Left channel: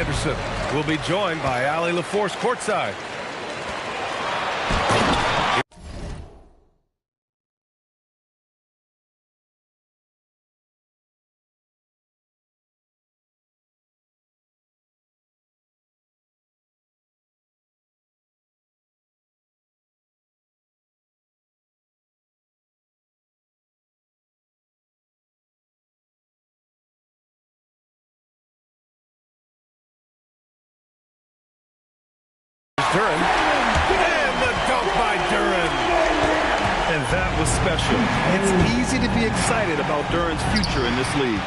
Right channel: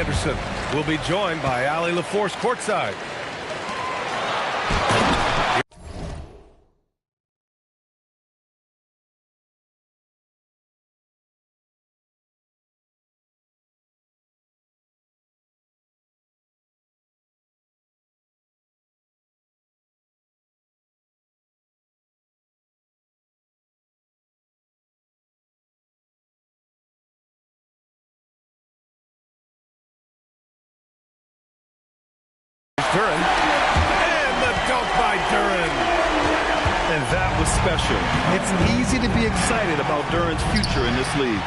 Anderson will be joined by Allie LaForce courtside. Duren, and the dunk by Duren. And that was special. It's easy to be excited about Duren's future in this league.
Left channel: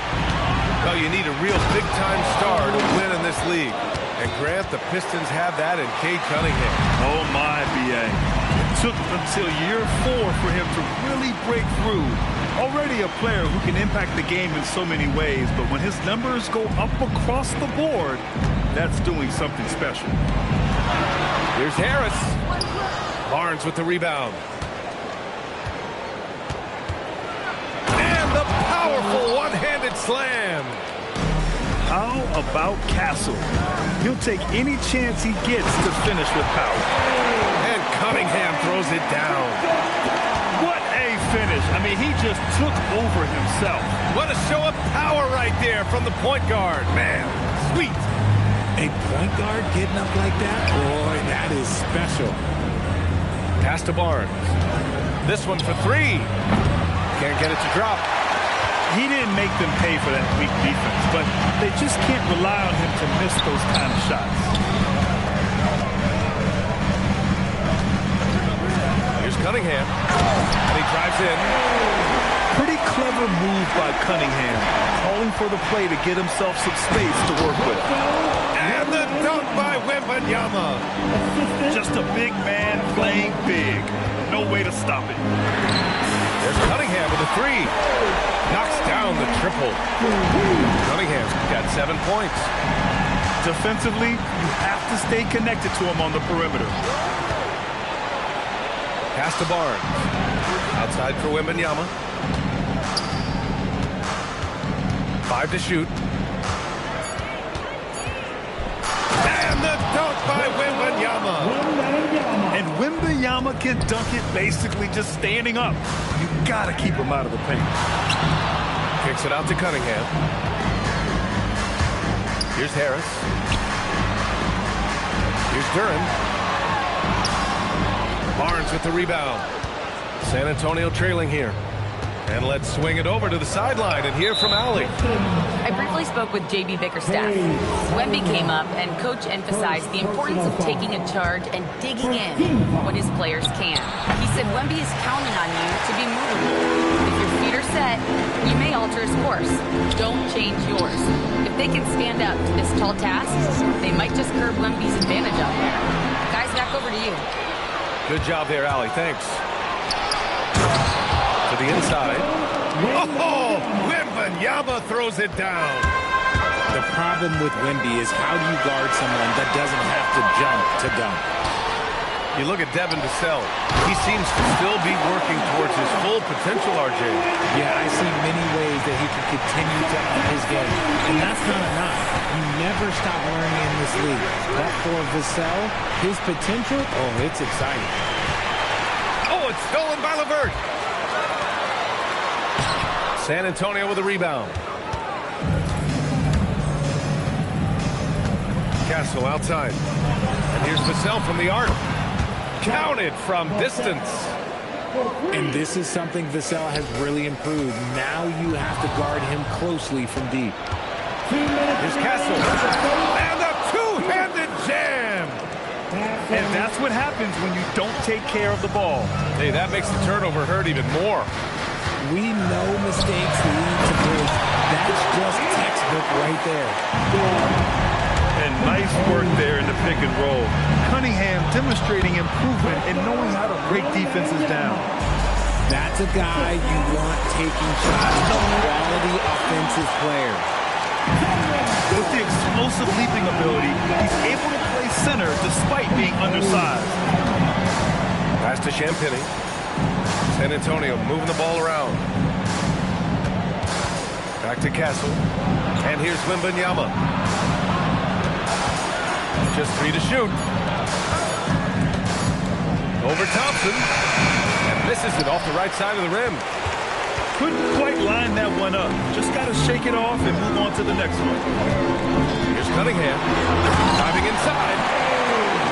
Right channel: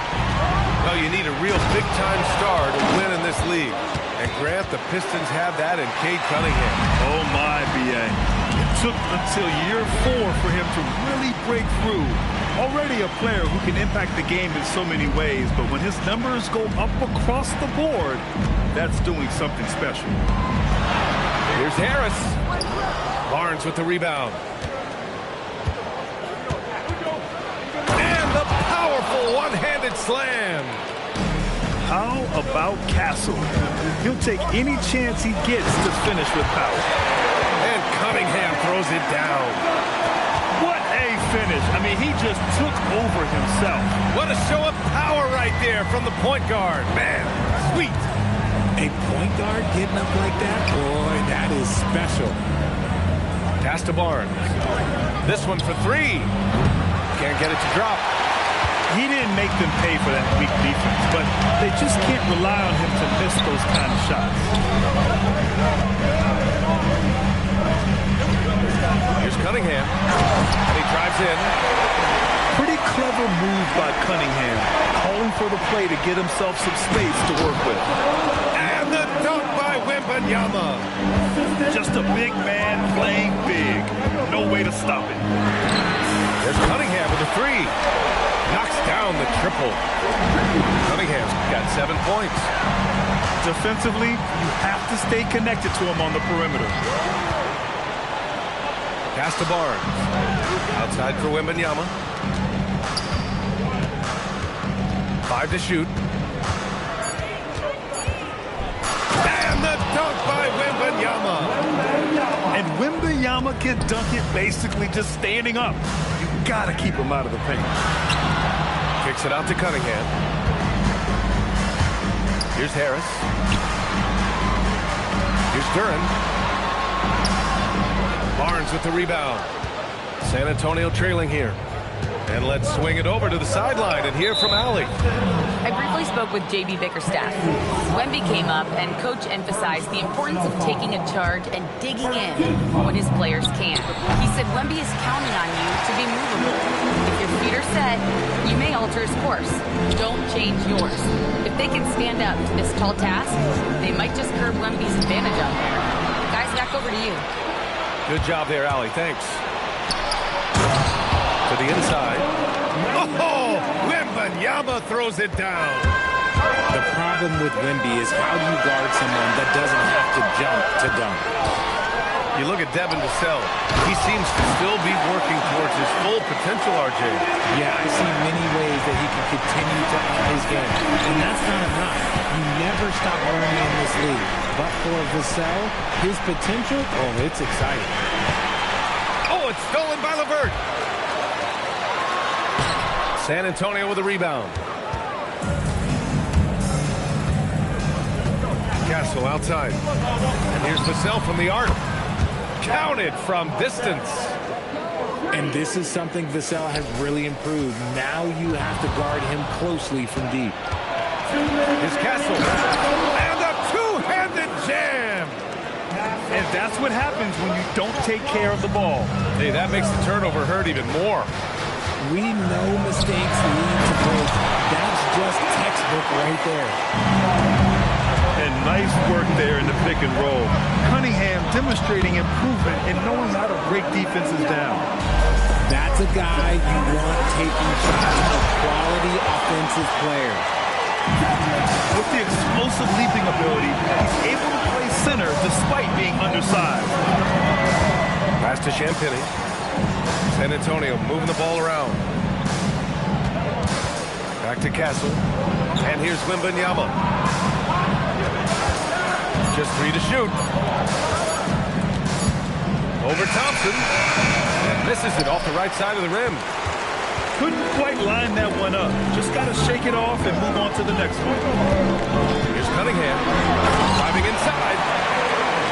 Well, you need a real big-time star to win in this league. And Grant, the Pistons have that in Cade Cunningham. Oh my, B.A. It took until year 4 for him to really break through. Already a player who can impact the game in so many ways, but when his numbers go up across the board, that's doing something special. Here's Harris. Barnes with the rebound. And the powerful one-handed slam. How about Castle? He'll take any chance he gets to finish with power. And Cunningham throws it down. What a finish. I mean, he just took over himself. What a show of power right there from the point guard. Man, sweet. A point guard getting up like that? Boy, that is special. Pass to Barnes. This one for 3. Can't get it to drop. He didn't make them pay for that weak defense, but they just can't rely on him to miss those kind of shots. Here's Cunningham. And he drives in. Pretty clever move by Cunningham, calling for the play to get himself some space to work with. And the dunk by Wembanyama. Just a big man playing big. No way to stop it. There's Cunningham with a 3. Knocks down the triple. Cunningham's got 7 points. Defensively, you have to stay connected to him on the perimeter. Pass to Barnes. Outside for Wembanyama. 5 to shoot. And the dunk by Wembanyama. And Wembanyama can dunk it basically just standing up. You gotta keep him out of the paint. Kicks it out to Cunningham. Here's Harris. Here's Duren. Barnes with the rebound. San Antonio trailing here. And let's swing it over to the sideline and hear from Allie. I briefly spoke with J.B. Bickerstaff. Wemby came up, and Coach emphasized the importance of taking a charge and digging in when his players can. He said Wemby is counting on you to be movable. If your feet are set, you may alter his course. Don't change yours. If they can stand up to this tall task, they might just curb Wemby's advantage out there. Guys, back over to you. Good job there, Allie. Thanks. To the inside. Oh, Wembanyama throws it down. The problem with Wemby is how do you guard someone that doesn't have to jump to dunk? You look at Devin Vassell. He seems to still be working towards his full potential, RJ. Yeah, I see many ways that he can continue to up his game. And that's not enough. You never stop learning in this league. But for Vassell, his potential, oh, it's exciting. Oh, it's stolen by LeVert. San Antonio with a rebound. Castle outside. And here's Vassell from the arc. Counted from distance. And this is something Vassell has really improved. Now you have to guard him closely from deep. Here's Castle. And a two-handed jam. And that's what happens when you don't take care of the ball. Hey, that makes the turnover hurt even more. We know mistakes lead to breaks. That's just textbook right there. And nice work there in the pick and roll. Cunningham demonstrating improvement in knowing how to break defenses down. That's a guy you want taking shots, a quality offensive player. With the explosive leaping ability, he's able to play center despite being undersized. Pass to Champagny. San Antonio moving the ball around. Back to Castle. And here's Wembanyama. Just 3 to shoot. Over Thompson. And misses it off the right side of the rim. Couldn't quite line that one up. Just got to shake it off and move on to the next one. Here's Cunningham. Driving inside.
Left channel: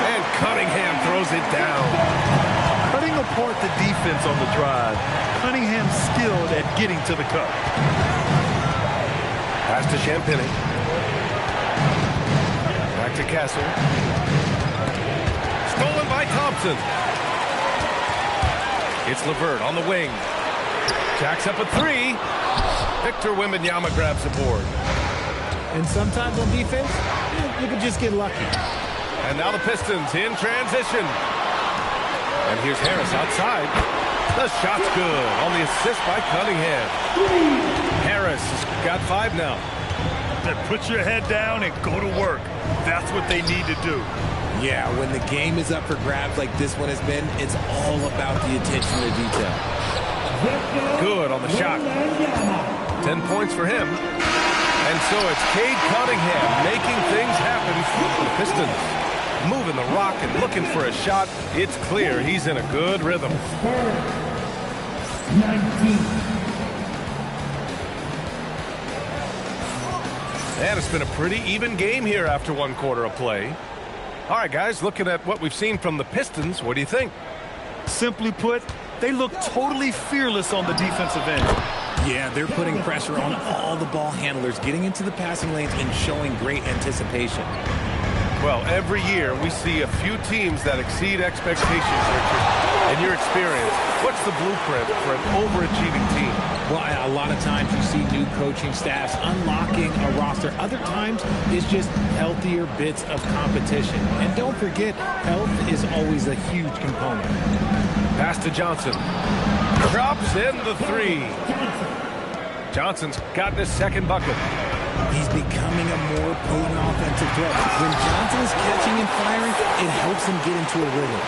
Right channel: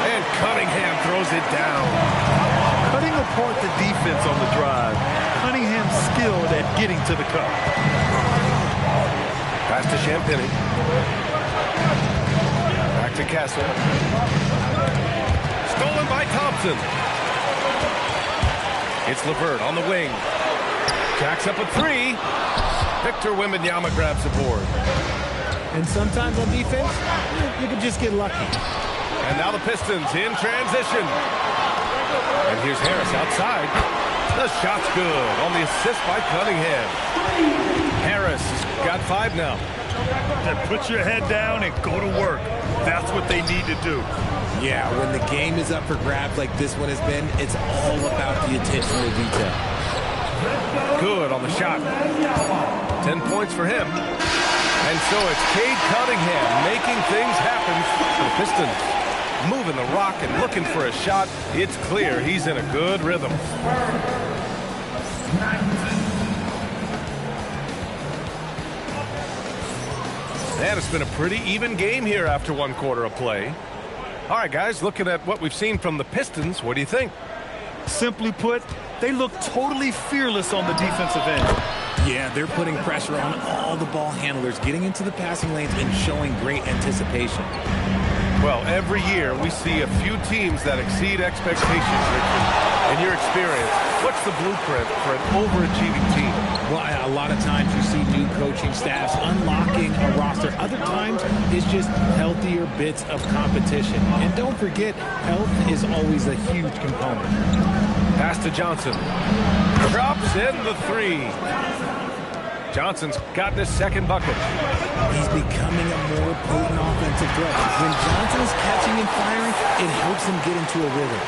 And Cunningham throws it down. Cutting apart the defense on the drive. Cunningham skilled at getting to the cup. Pass to Champagny. Back to Castle. Stolen by Thompson. It's LeVert on the wing. Jacks up a 3. Victor Wembanyama grabs the board. And sometimes on defense, you can just get lucky. And now the Pistons in transition. And here's Harris outside. The shot's good on the assist by Cunningham. Harris has got 5 now. Then put your head down and go to work. That's what they need to do. Yeah, when the game is up for grabs like this one has been, it's all about the attention to detail. Good on the shot. 10 points for him. And so it's Cade Cunningham making things happen for the Pistons. Moving the rock and looking for a shot. It's clear he's in a good rhythm. And it's been a pretty even game here after 1 quarter of play. All right, guys, looking at what we've seen from the Pistons, what do you think? Simply put, they look totally fearless on the defensive end. Yeah, they're putting pressure on all the ball handlers, getting into the passing lanes and showing great anticipation. Well, every year we see a few teams that exceed expectations, Richard. In your experience, what's the blueprint for an overachieving team? Well, a lot of times you see new coaching staffs unlocking a roster. Other times it's just healthier bits of competition. And don't forget, health is always a huge component. Pass to Johnson. Drops in the 3. Johnson's gotten his 2nd bucket. He's becoming a more potent offensive threat. When Johnson is catching and firing, it helps him get into a rhythm.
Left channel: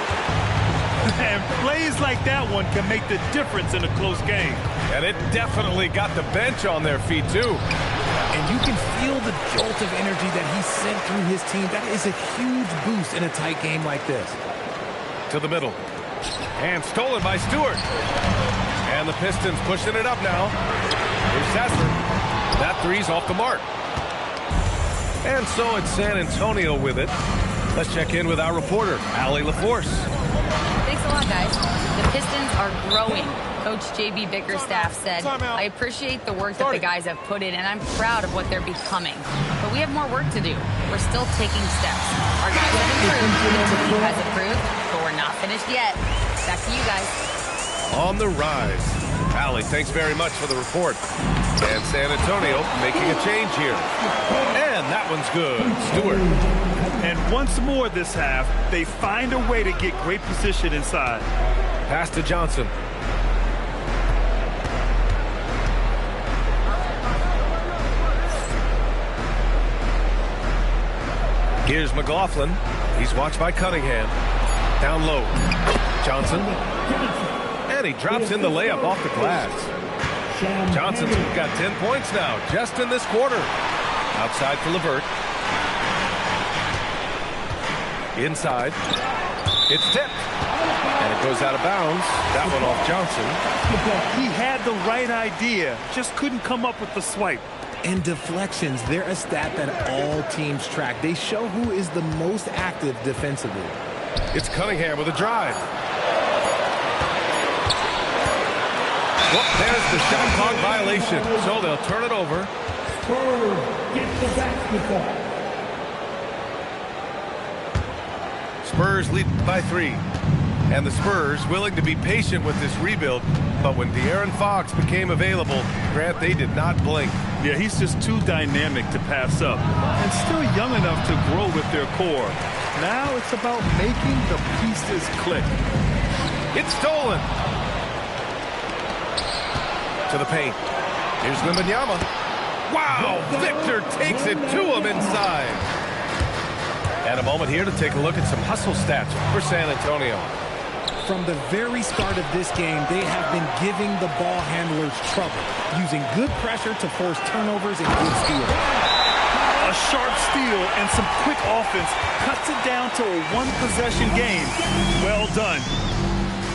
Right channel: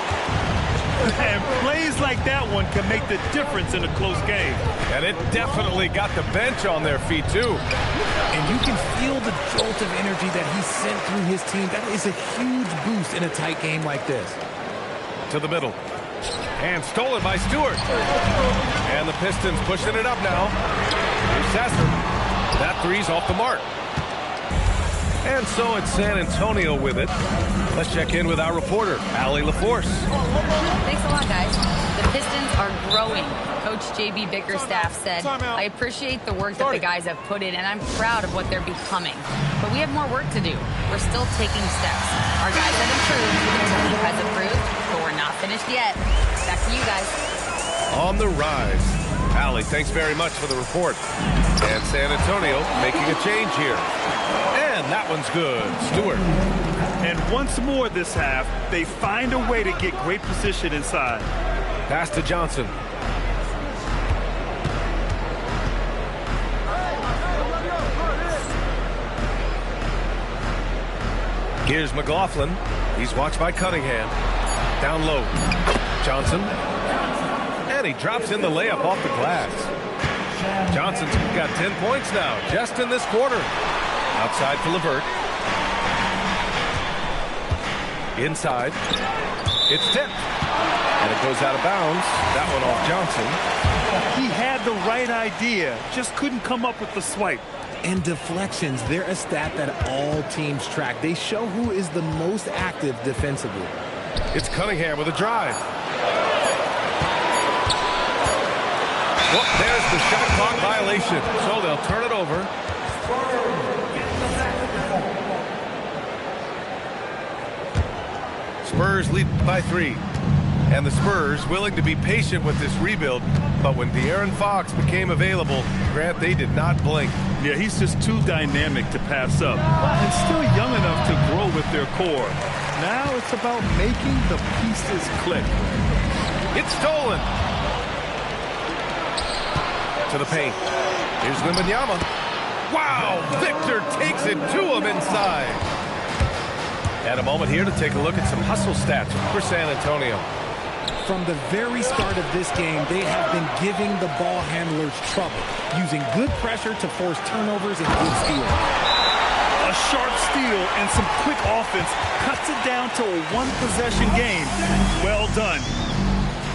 And plays like that one can make the difference in a close game. And it definitely got the bench on their feet, too. And you can feel the jolt of energy that he sent through his team. That is a huge boost in a tight game like this. To the middle. And stolen by Stewart. And the Pistons pushing it up now. Here's Sasser. That 3's off the mark. And so it's San Antonio with it. Let's check in with our reporter, Allie LaForce. Thanks a lot, guys. The Pistons are growing. Coach J.B. Bickerstaff said, I appreciate the work that the guys have put in, and I'm proud of what they're becoming. But we have more work to do. We're still taking steps. Our guys have improved, the team has improved, but we're not finished yet. Back to you guys. On the rise. Allie, thanks very much for the report. And San Antonio making a change here. And that one's good. Stewart. And once more this half, they find a way to get great position inside. Pass to Johnson. Here's McLaughlin. He's watched by Cunningham. Down low. Johnson. And he drops in the layup off the glass. Johnson's got 10 points now, just in this quarter. Outside for LeVert. Inside. It's tipped. And it goes out of bounds. That one off Johnson. He had the right idea, just couldn't come up with the swipe. And deflections, they're a stat that all teams track. They show who is the most active defensively. It's Cunningham with a drive. Well, there's the shot clock violation. So they'll turn it over. Spurs lead by 3. And the Spurs willing to be patient with this rebuild. But when De'Aaron Fox became available, Grant, they did not blink. Yeah, he's just too dynamic to pass up. And still young enough to grow with their core. Now it's about making the pieces click. It's stolen. To the paint. Here's Wembanyama. Wow, Victor takes it to him inside. And a moment here to take a look at some hustle stats for San Antonio. From the very start of this game, they have been giving the ball handlers trouble, using good pressure to force turnovers and good steals. A sharp steal and some quick offense cuts it down to a one-possession game. Well done.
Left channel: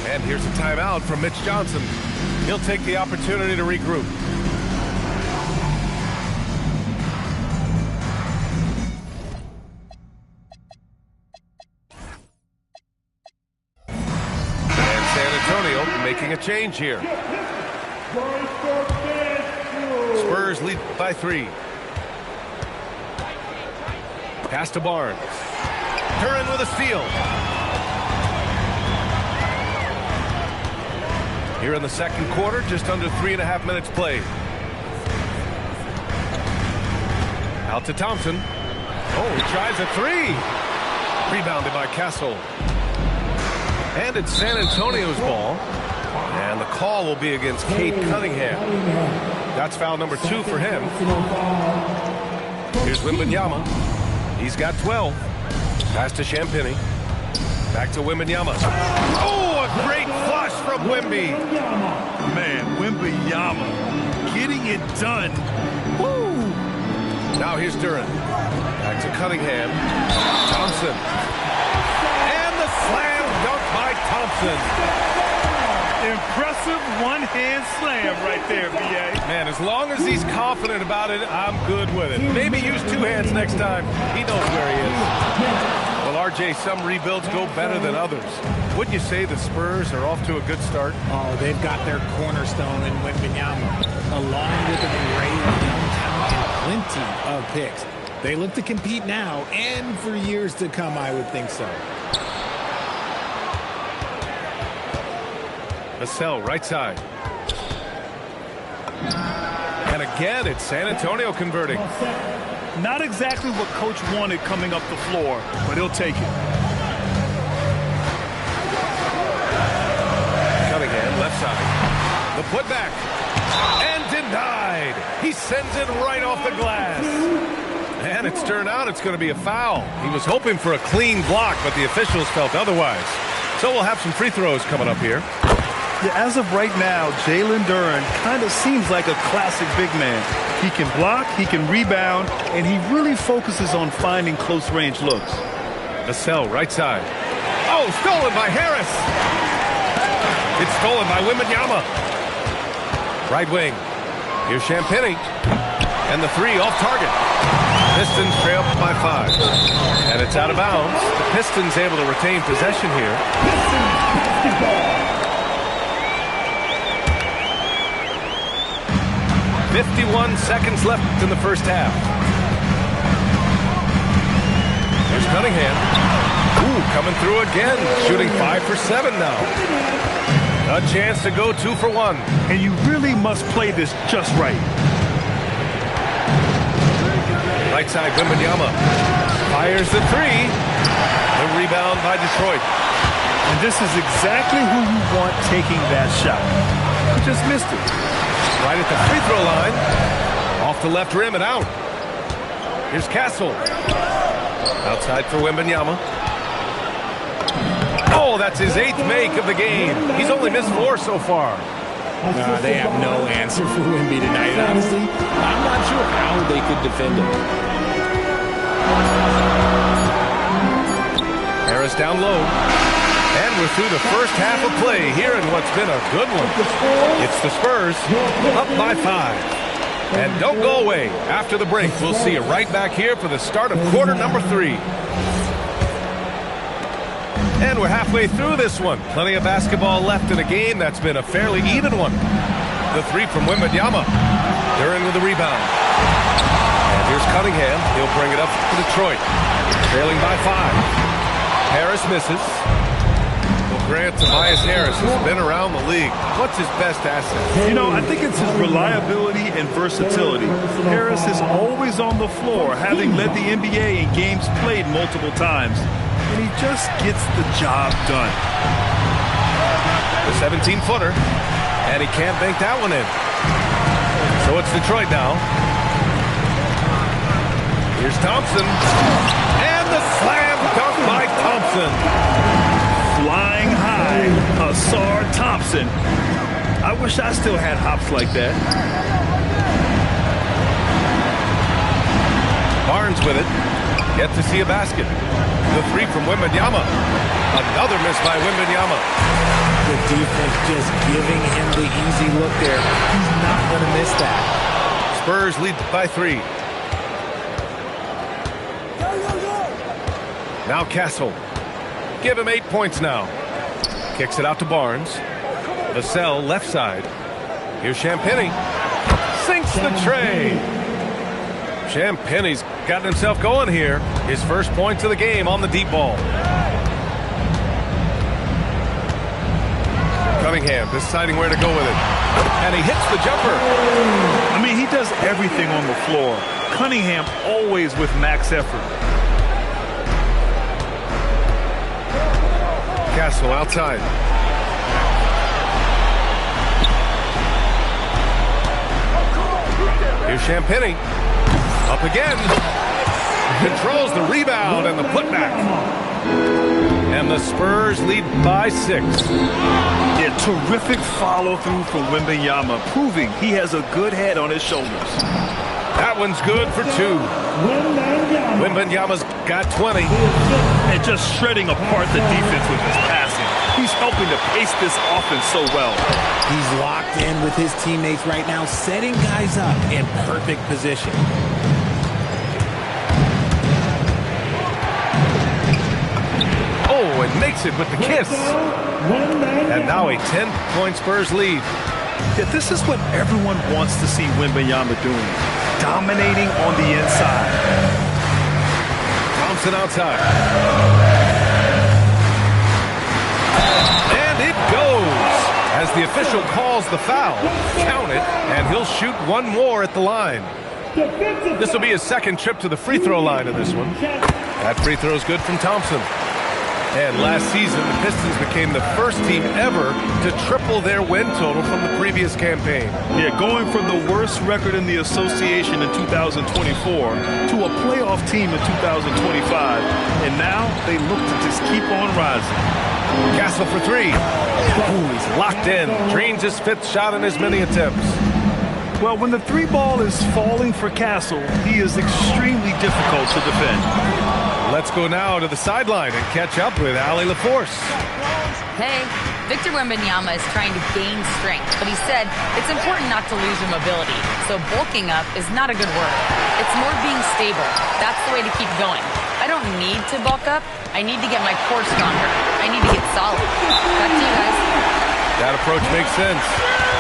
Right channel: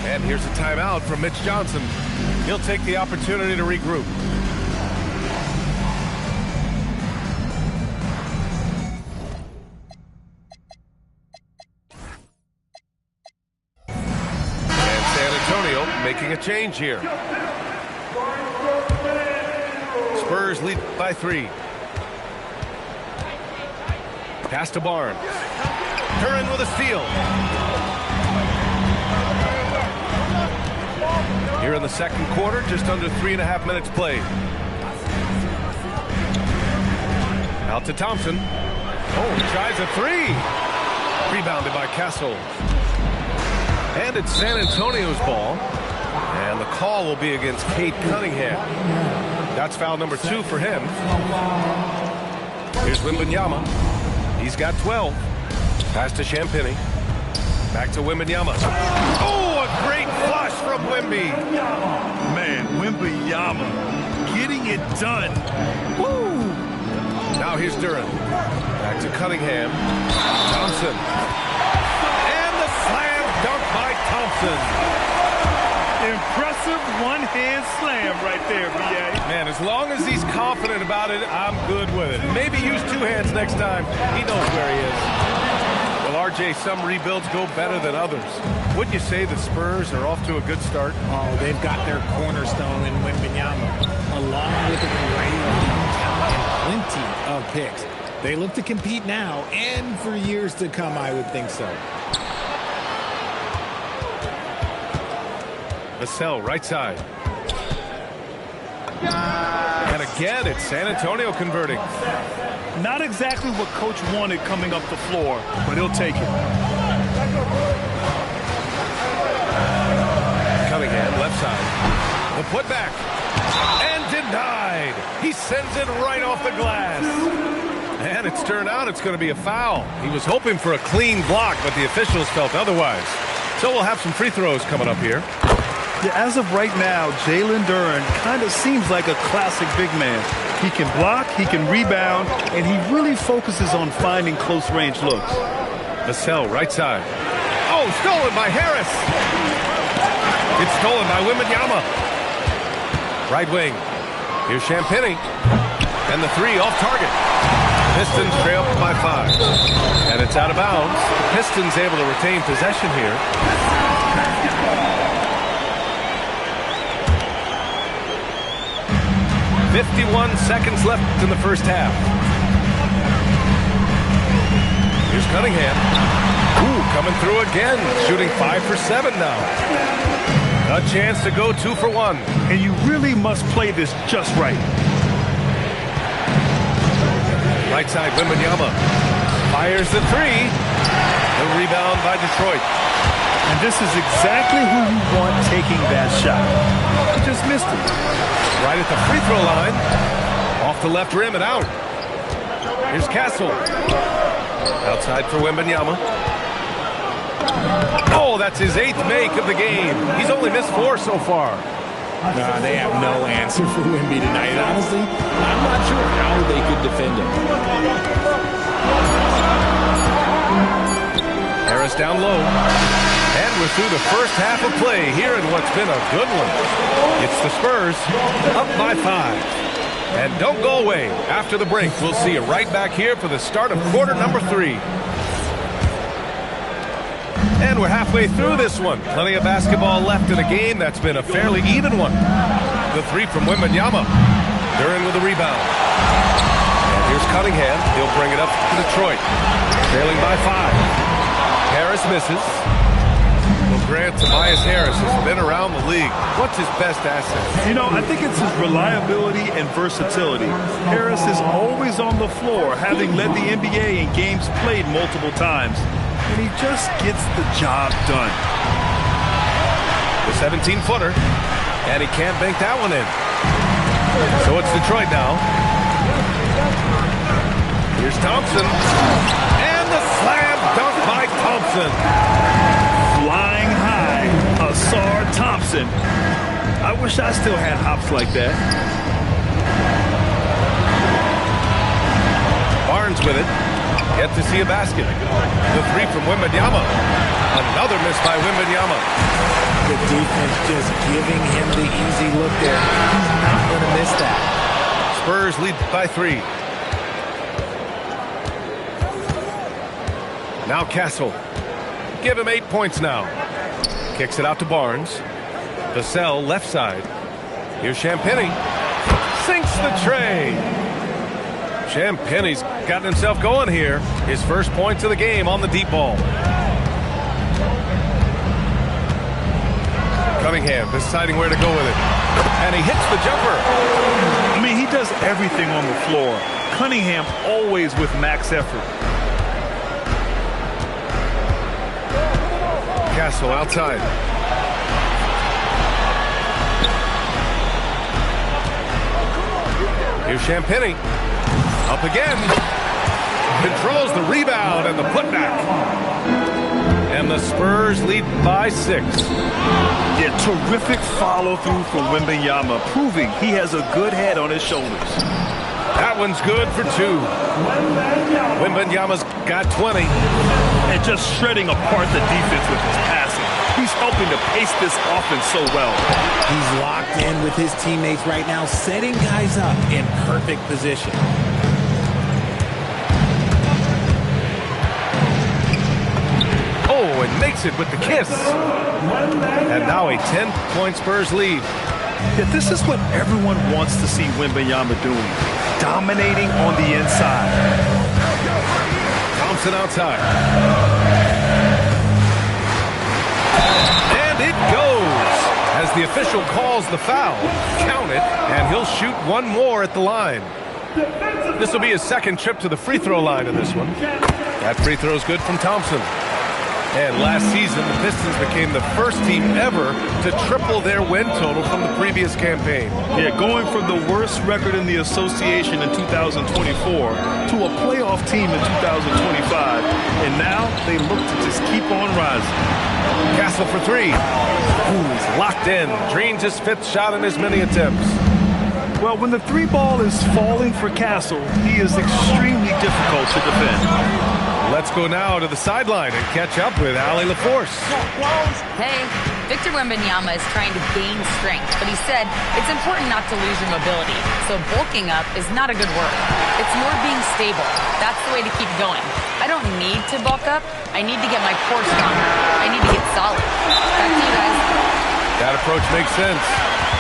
And here's a timeout from Mitch Johnson. He'll take the opportunity to regroup. And San Antonio making a change here. Spurs lead by 3. Pass to Barnes. Curran with a steal. Here in the second quarter, just under 3.5 minutes played. Out to Thompson. Oh, he tries a 3. Rebounded by Castle. And it's San Antonio's ball. And the call will be against Cade Cunningham. That's foul number 2 for him. Here's Wembanyama. He's got 12. Pass to Champagny. Back to Wembanyama. Oh, a great flush from Wemby. Man, Wembanyama getting it done. Woo! Now here's Duran. Back to Cunningham. Thompson. And the slam dunk by Thompson. Impressive one-hand slam right there, B.A. Man, as long as he's confident about it, I'm good with it. Maybe use 2 hands next time. He knows where he is. Well, RJ, some rebuilds go better than others. Wouldn't you say the Spurs are off to a good start? Oh, they've got their cornerstone in Wembanyama, along with an array of young talent and plenty of picks. They look to compete now and for years to come, I would think so. Vassell, right side. And again, it's San Antonio converting. Not exactly what Coach wanted coming up the floor, but he'll take it. Cunningham, left side. The putback. And denied. He sends it right off the glass. And it's turned out it's going to be a foul. He was hoping for a clean block, but the officials felt otherwise. So we'll have some free throws coming up here. Yeah, as of right now, Jalen Duran kind of seems like a classic big man. He can block, he can rebound, and he really focuses on finding close-range looks. Vassell, right side. Oh, stolen by Harris. It's stolen by Wembanyama. Right wing. Here's Champagny. And the 3 off target. Pistons trail by 5. And it's out of bounds. The Pistons able to retain possession here. 51 seconds left in the first half. Here's Cunningham. Ooh, coming through again. Shooting 5 for 7 now. A chance to go 2 for 1. And you really must play this just right. Right side, Wembanyama. Fires the 3. The rebound by Detroit. And this is exactly who you want taking that shot. He just missed it. Right at the free throw line. Off the left rim and out. Here's Castle. Outside for Wembanyama. Oh, that's his 8th make of the game. He's only missed 4 so far. They have no answer for Wemby tonight. And honestly, I'm not sure how they could defend him. Harris down low. And we're through the first half of play here in what's been a good one. It's the Spurs up by 5. And don't go away. After the break, we'll see you right back here for the start of quarter number 3. And we're halfway through this one. Plenty of basketball left in a game that's been a fairly even one. The 3 from Wembanyama. Duran with the rebound. And here's Cunningham. He'll bring it up to Detroit. Trailing by 5. Harris misses. Well, Grant, Tobias Harris has been around the league. What's his best asset? You know, I think it's his reliability and versatility. Harris is always on the floor, having led the NBA in games played multiple times. And he just gets the job done. The 17-footer. And he can't bank that one in. So it's Detroit now. Here's Thompson. And the slam dunk by Thompson. Flying high, Ausar Thompson. I wish I still had hops like that. Barnes with it. Yet to see a basket. The three from Wembanyama. Another miss by Wembanyama. The defense just giving him the easy look there. He's not going to miss that. Spurs lead by 3. Now Castle. Give him 8 points now. Kicks it out to Barnes. Vassell left side. Here's Champagny. Sinks the tray. Champagny's gotten himself going here. His first points of the game on the deep ball. Cunningham deciding where to go with it. And he hits the jumper. I mean, he does everything on the floor. Cunningham always with max effort. Castle outside. Here's Champagny. Up again. Controls the rebound and the putback. And the Spurs lead by 6. Yeah, terrific follow-through from Wembanyama, proving he has a good head on his shoulders. That one's good for 2. Wembanyama's got 20. And just shredding apart the defense with his passing. He's helping to pace this offense so well. He's locked in with his teammates right now, setting guys up in perfect position. Oh, and makes it with the kiss. And now a 10-point Spurs lead. Yeah, this is what everyone wants to see Wembanyama doing. Dominating on the inside. Thompson outside. And it goes. As the official calls the foul, count it, and he'll shoot one more at the line. This will be his second trip to the free throw line in this one. That free throw is good from Thompson. And last season, the Pistons became the first team ever to triple their win total from the previous campaign. Yeah, going from the worst record in the association in 2024 to a playoff team in 2025. And now they look to just keep on rising. Castle for 3. Oh, he's locked in. Drains his 5th shot in as many attempts. Well, when the 3 ball is falling for Castle, he is extremely difficult to defend. Let's go now to the sideline and catch up with Allie LaForce. Hey, Victor Wembanyama is trying to gain strength, but he said it's important not to lose your mobility. So bulking up is not a good word. It's more being stable. That's the way to keep going. I don't need to bulk up. I need to get my core stronger. I need to get solid. Back to you guys. That approach makes sense.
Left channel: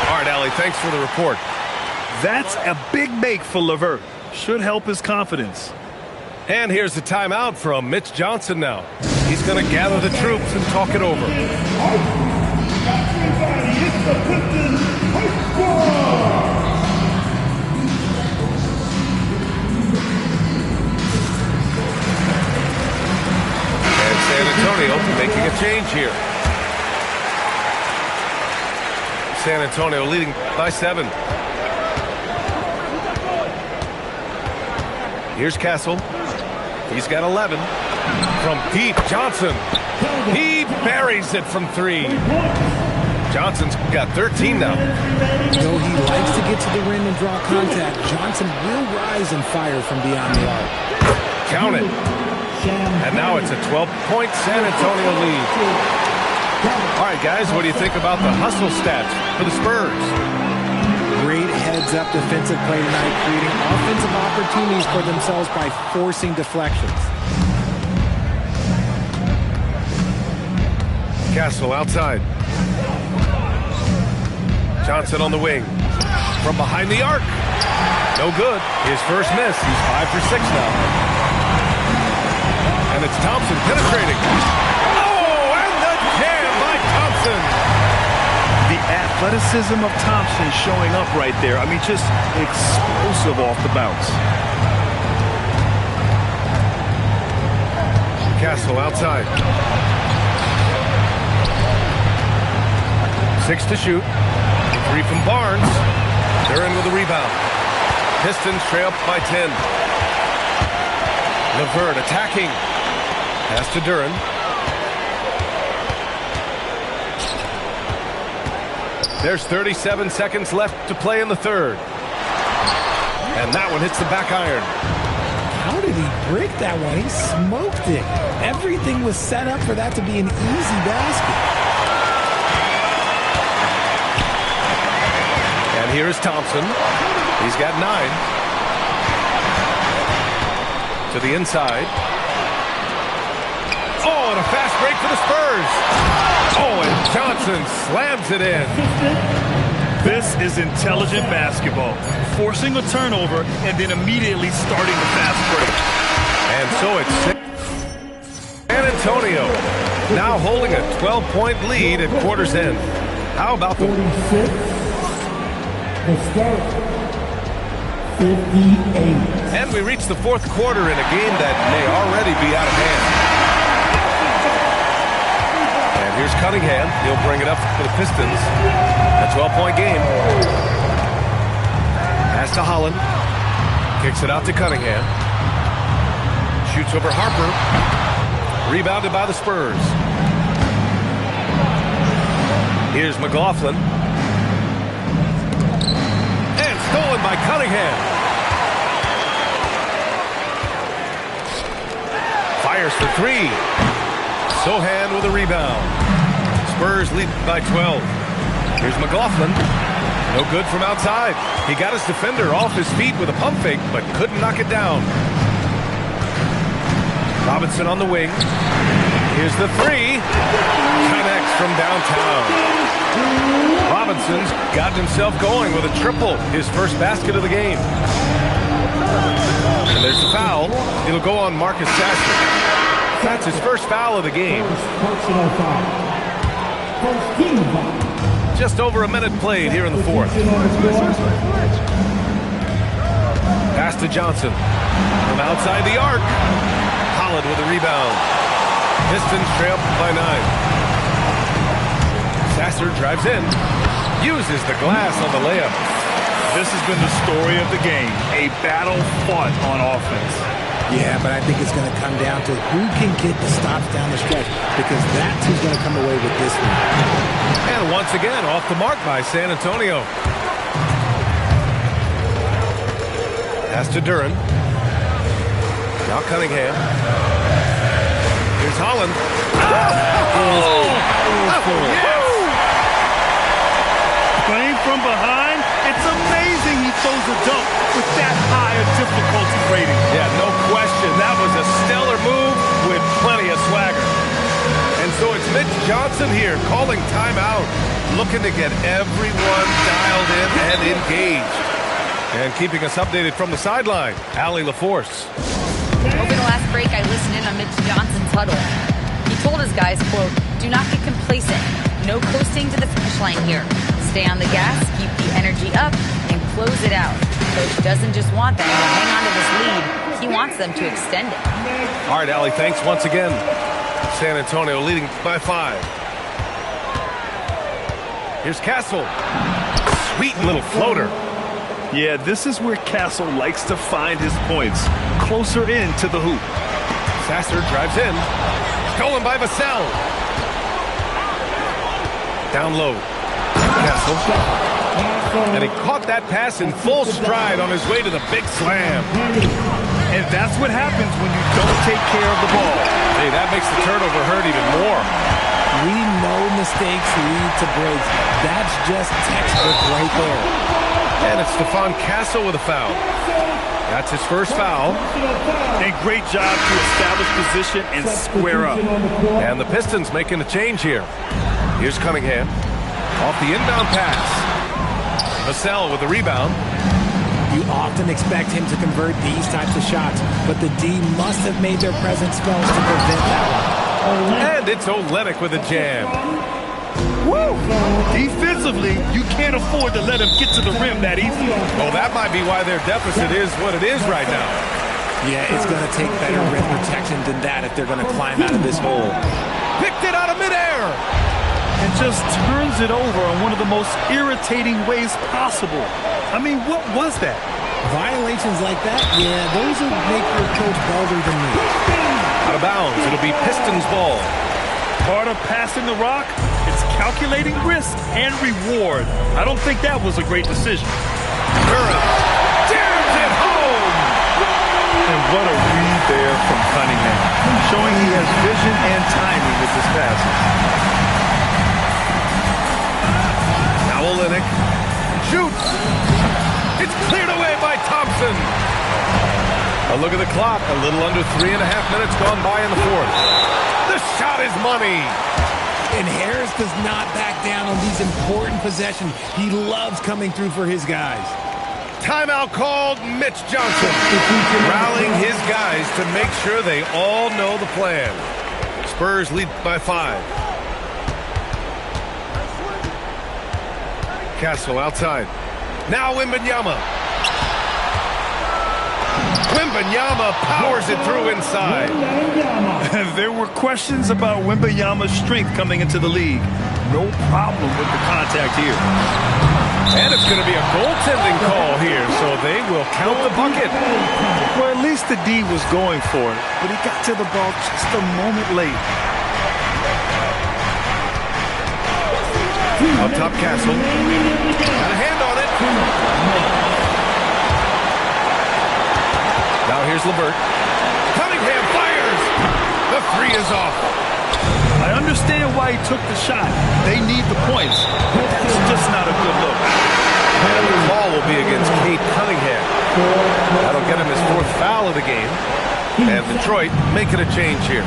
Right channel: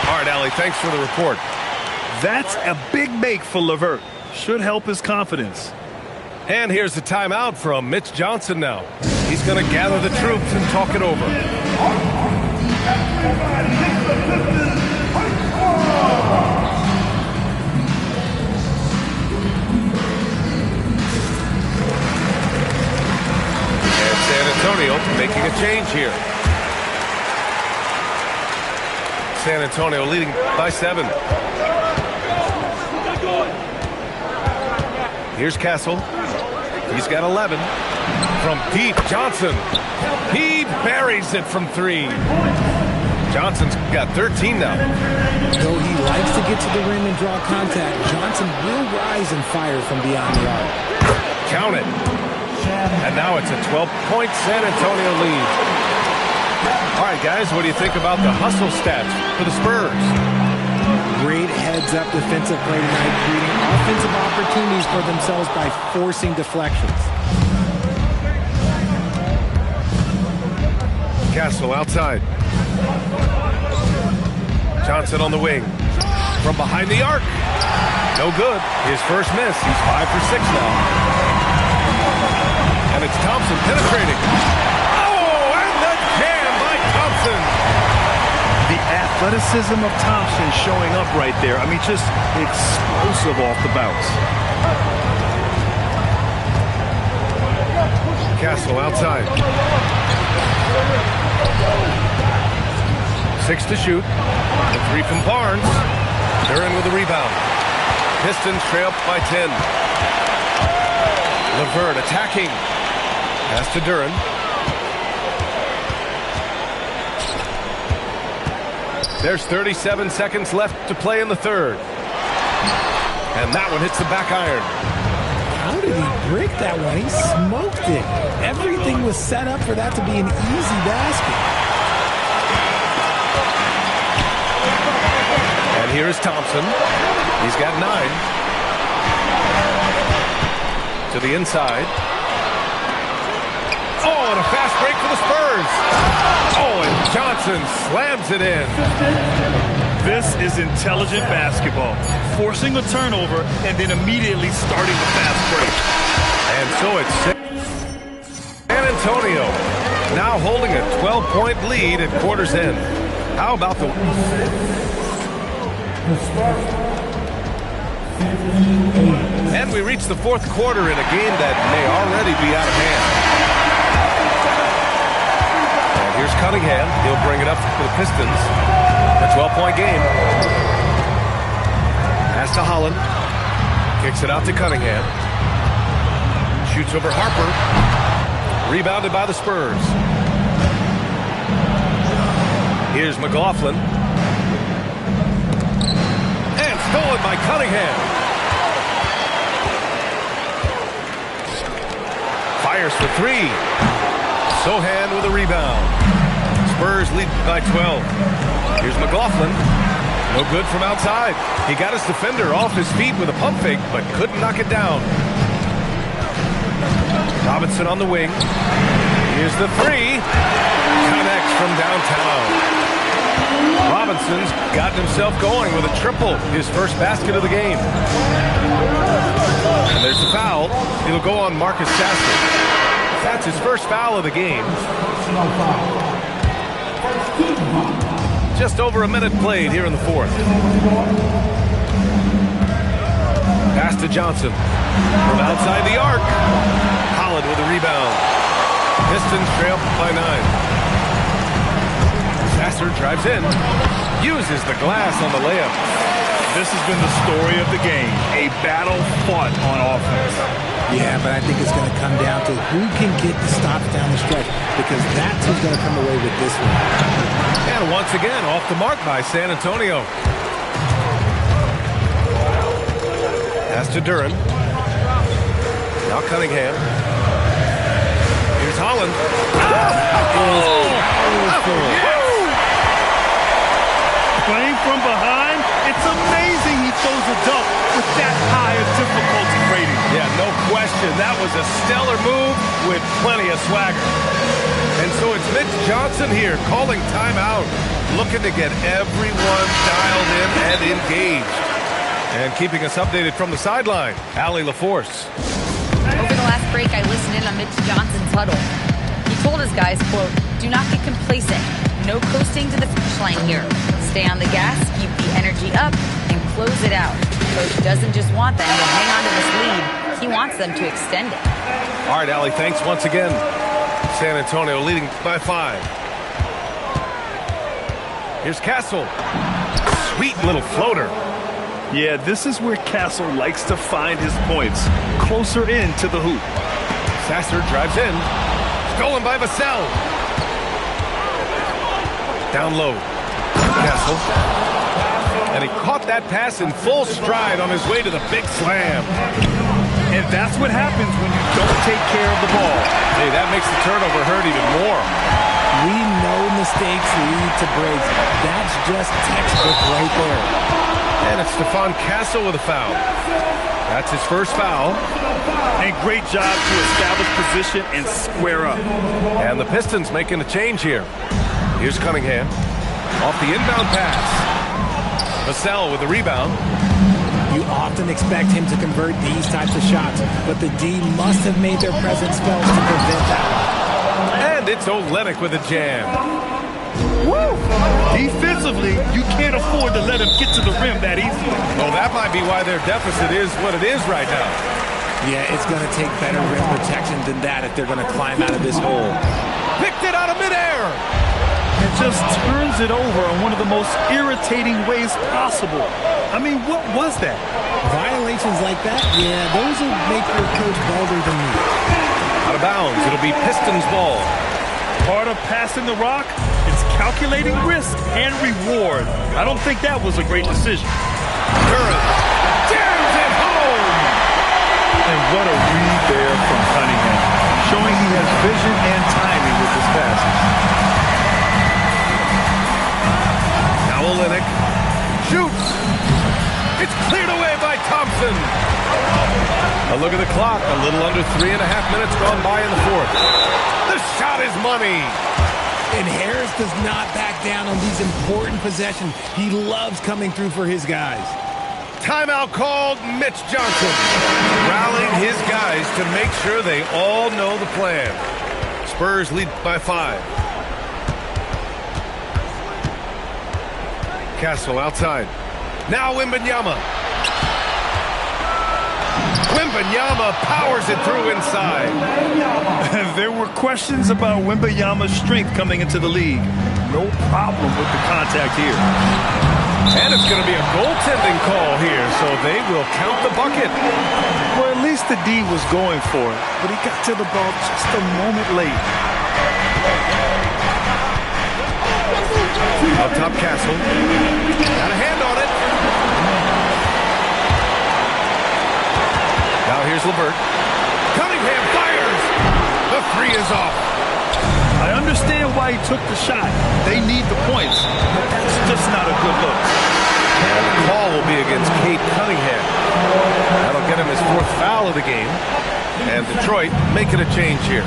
All right, Allie, thanks for the report. That's a big make for LeVert. Should help his confidence. And here's the timeout from Mitch Johnson now. He's going to gather the troops and talk it over. And San Antonio making a change here. San Antonio leading by 7. Here's Castle. He's got 11. From deep, Johnson. He buries it from 3. Johnson's got 13 now. Though he likes to get to the rim and draw contact, Johnson will rise and fire from beyond the arc. Count it. And now it's a 12-point San Antonio lead. All right, guys, what do you think about the hustle stats for the Spurs? Great heads-up defensive play tonight, creating offensive opportunities for themselves by forcing deflections. Castle outside. Johnson on the wing. From behind the arc. No good. His first miss. He's 5 for 6 now. And it's Thompson penetrating. Oh, and the jam by Thompson. The athleticism of Thompson showing up right there. I mean, just explosive off the bounce. Castle outside. 6 to shoot. The 3 from Barnes. Duren with the rebound. Pistons trail up by 10. LeVert attacking. Pass to Duren. There's 37 seconds left to play in the third. And that one hits the back iron. How did he break that one? He smoked it. Everything was set up for that to be an easy basket. And here is Thompson. He's got 9. To the inside. Oh, and a fast break for the Spurs. Oh, and Johnson slams it in. This is intelligent basketball. Forcing a turnover and then immediately starting the fast break. And so it's San Antonio now holding a 12-point lead at quarter's end. How about the... And we reach the fourth quarter in a game that may already be out of hand. And here's Cunningham. He'll bring it up for the Pistons. A 12-point game. Pass to Holland. Kicks it out to Cunningham. Shoots over Harper. Rebounded by the Spurs. Here's McLaughlin. And stolen by Cunningham. Fires for 3. Sohan with a rebound. Spurs lead by 12. Here's McLaughlin. No good from outside. He got his defender off his feet with a pump fake, but couldn't knock it down. Robinson on the wing. Here's the 3. Connects from downtown. Robinson's gotten himself going with a triple. His first basket of the game. And there's the foul. It'll go on Marcus Sasser. That's his first foul of the game. Just over a minute played here in the fourth. Pass to Johnson. From outside the arc. Holland with a rebound. Pistons trail by 9. Sasser drives in. Uses the glass on the layup. This has been the story of the game. A battle fought on offense. Yeah, but I think it's going to come down to who can get the stops down the stretch, because that's who's going to come away with this one. And once again, off the mark by San Antonio. Pass to Duran. Now Cunningham. Here's Holland. Yes! Playing from behind, it's amazing he throws a dunk with that high a difficulty rating. Yeah, no question. That was a stellar move with plenty of swagger. And so it's Mitch Johnson here calling timeout, looking to get everyone dialed in and engaged. And keeping us updated from the sideline, Allie LaForce. Over the last break, I listened in on Mitch Johnson's huddle. He told his guys, quote, "Do not get complacent. No coasting to the finish line here. Stay on the gas, keep the energy up, and close it out. Coach doesn't just want them to hang on to this lead. He wants them to extend it." All right, Allie, thanks once again. San Antonio leading by 5. Here's Castle. Sweet little floater. Yeah, this is where Castle likes to find his points. Closer in to the hoop. Sasser drives in. Stolen by Vassell. Down low. Castle. And he caught that pass in full stride on his way to the big slam. And that's what happens when you don't take care of the ball. Hey, that makes the turnover hurt even more. We know mistakes lead to breaks. That's just textbook right there. And it's Stephon Castle with a foul. That's his first foul. And great job to establish position and square up. And the Pistons making a change here. Here's Cunningham. Off the inbound pass. Vassell with the rebound. You often expect him to convert these types of shots, but the D must have made their presence felt to prevent that one. And it's Olynyk with a jam. Woo! Defensively, you can't afford to let him get to the rim that easily. Well, that might be why their deficit is what it is right now. Yeah, it's going to take better rim protection than that if they're going to climb out of this hole. Picked it out of midair. And just turns it over in one of the most irritating ways possible. I mean, what was that? Violations like that, yeah, those will make your coach bolder than me. Out of bounds, it'll be Pistons ball. Part of passing the rock, it's calculating risk and reward. I don't think that was a great decision. Duran jams it home. And what a read there from Cunningham, showing he has vision and timing with his passes. Now Olenek shoots. It's cleared away by Thompson. A look at the clock. A little under 3.5 minutes gone by in the fourth. The shot is money. And Harris does not back down on these important possessions. He loves coming through for his guys. Timeout called. Mitch Johnson rallying his guys to make sure they all know the plan. Spurs lead by 5. Castle outside. Now Wembanyama. Wembanyama powers it through inside. There were questions about Wembanyama's strength coming into the league. No problem with the contact here. And it's going to be a goaltending call here, so they will count the bucket. Well, at least the D was going for it, but he got to the ball just a moment late. Up top, Castle. Got a hand on it. Now here's LeVert. Cunningham fires. The 3 is off. I understand why he took the shot. They need the points, but that's just not a good look. And the call will be against Cade Cunningham. That'll get him his 4th foul of the game. And Detroit making a change here.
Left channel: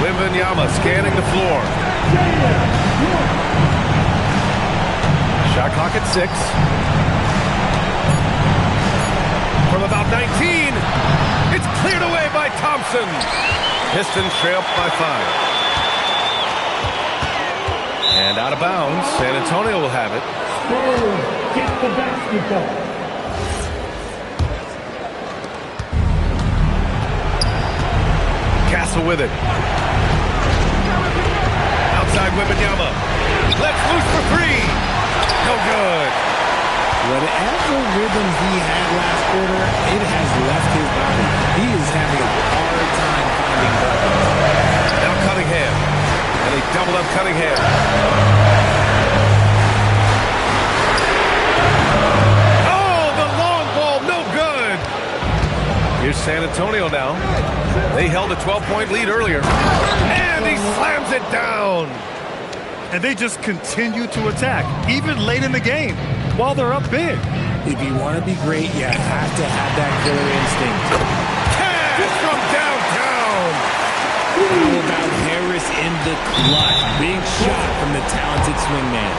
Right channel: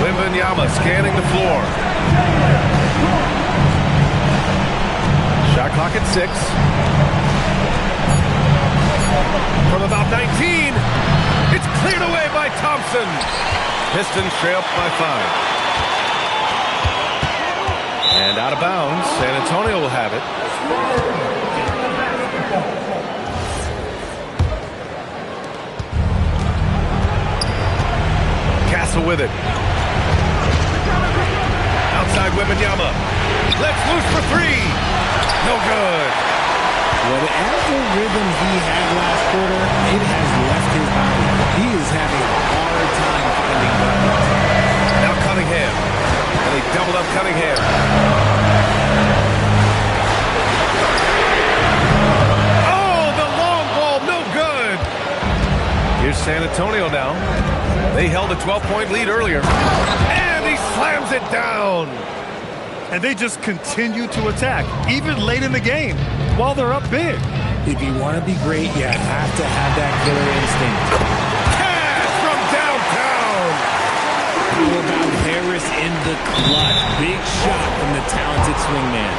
Wembanyama scanning the floor. Shot clock at 6. From about 19, it's cleared away by Thompson. Pistons trail by 5. And out of bounds, San Antonio will have it. Castle with it. Outside Wembanyama. Let's loose for 3. No good. Whatever rhythm he had last quarter, it has left his body. He is having a hard time finding buckets. Now Cunningham. And they doubled up Cunningham. Oh, the long ball, no good. Here's San Antonio now. They held a 12-point lead earlier. And he slams it down. And they just continue to attack, even late in the game, while they're up big. If you want to be great, you have to have that killer instinct. Cash from downtown. How about Harris in the clutch? Big shot from the talented swingman.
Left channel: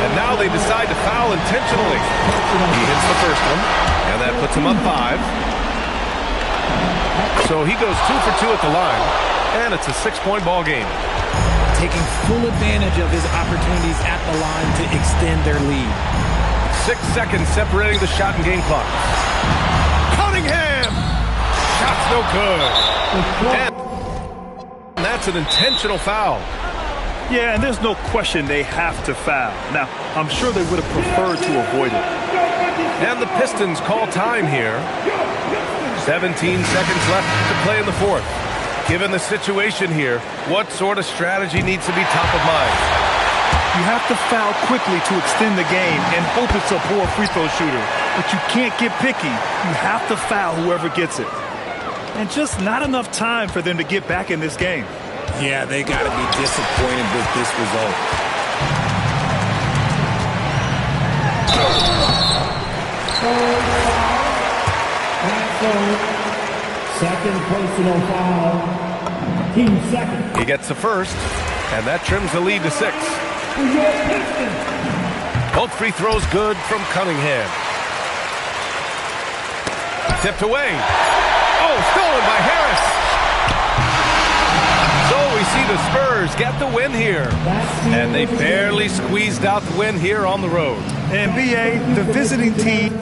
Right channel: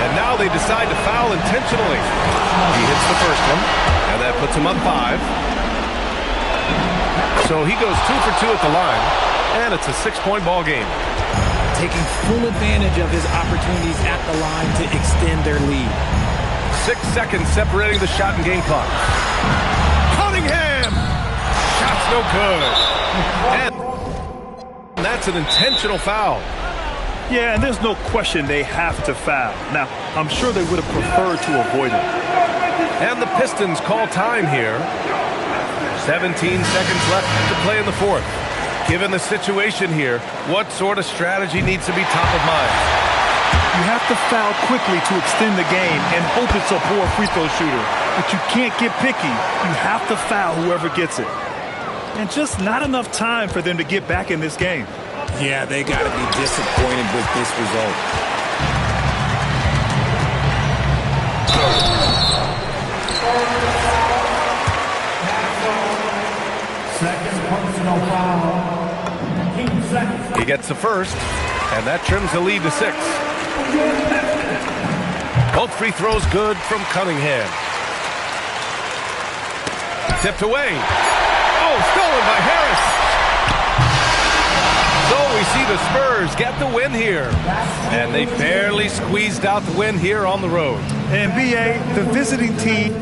And now they decide to foul intentionally. He hits the first one, and that puts him up 5. So he goes 2 for 2 at the line, and it's a 6-point ball game. Taking full advantage of his opportunities at the line to extend their lead. 6 seconds separating the shot and game clock. Cunningham! Shot's no good. And that's an intentional foul. Yeah, and there's no question they have to foul. Now, I'm sure they would have preferred to avoid it. And the Pistons call time here. 17 seconds left to play in the fourth. Given the situation here, what sort of strategy needs to be top of mind? You have to foul quickly to extend the game and hope it's a poor free throw shooter. But you can't get picky. You have to foul whoever gets it. And just not enough time for them to get back in this game. Yeah, they got to be disappointed with this result. Second personal foul. Team second. He gets the first, and that trims the lead to 6. Both free throws good from Cunningham. Tipped away. Oh, stolen by Harris. So we see the Spurs get the win here. And they barely squeezed out the win here on the road. And B.A., the visiting team